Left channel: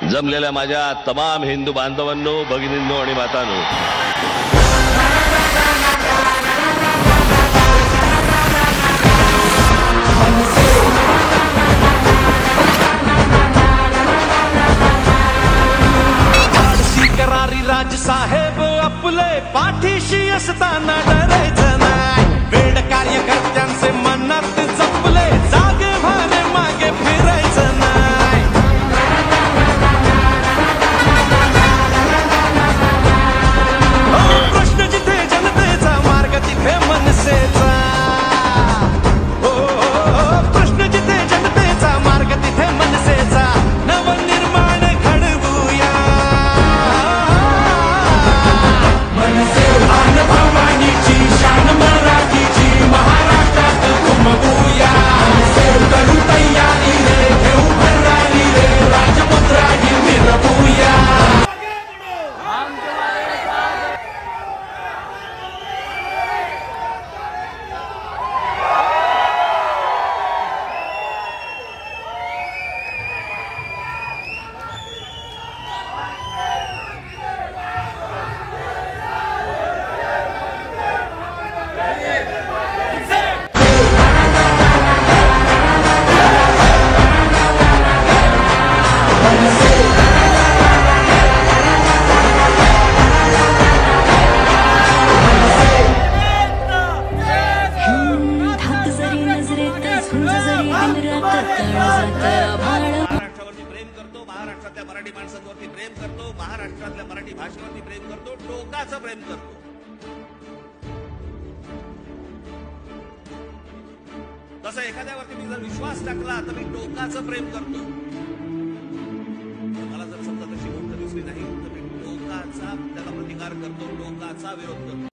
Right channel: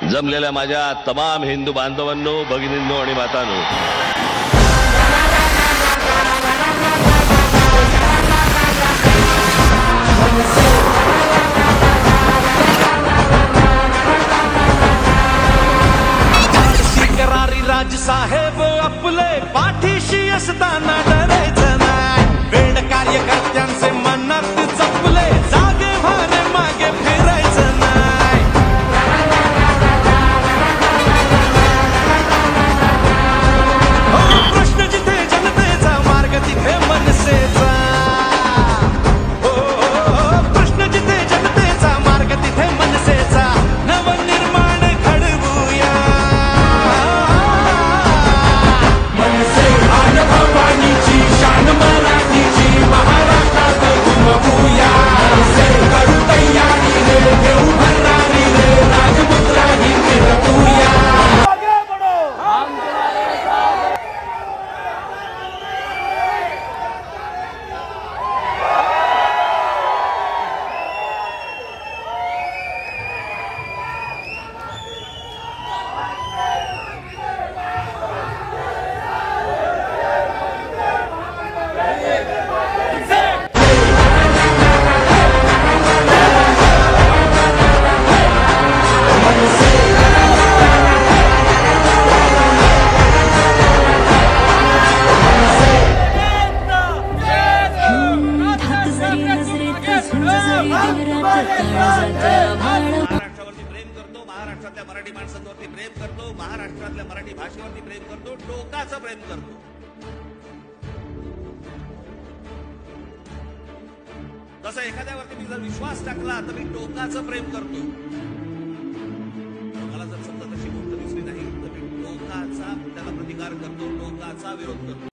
जमलेल्या माझ्या तमाम हिंदू बांधवांनो, भगिनींनो आणि मातांनो, करारी राज साहेब आपले पाठीशी असताना डरायचं नाही. वेड कार्यकर्त्यांचे मनात जपले, जागे भारे मागे फिरायचं नाही. प्रश्न जिथे जनतेचा, मार्ग तिथे मनसेचा. प्रश्न जिथे जनतेचा, मार्ग तिथे मनसेचा. नवनिर्माण घडवूया, भवानीची शान मराठीची, महाराष्ट्रात घुमवूया. करू तयारी रे, घेऊ भरारी रे, राजमुद्रा ही मिरवूया. महाराष्ट्रावरती प्रेम करतो, महाराष्ट्रातल्या मराठी माणसांवरती प्रेम करतो, महाराष्ट्रातल्या मराठी भाषेवरती प्रेम करतो, टोकाचं प्रेम करतो. तसं एखाद्यावरती मी जर विश्वास टाकला तर मी टोकाचं प्रेम करतो. पण मला जर समजा तशी गोष्ट दिसली नाही तर मी टोकाचा त्याला प्रतिकार करतो, टोकाचा विरोध करतो.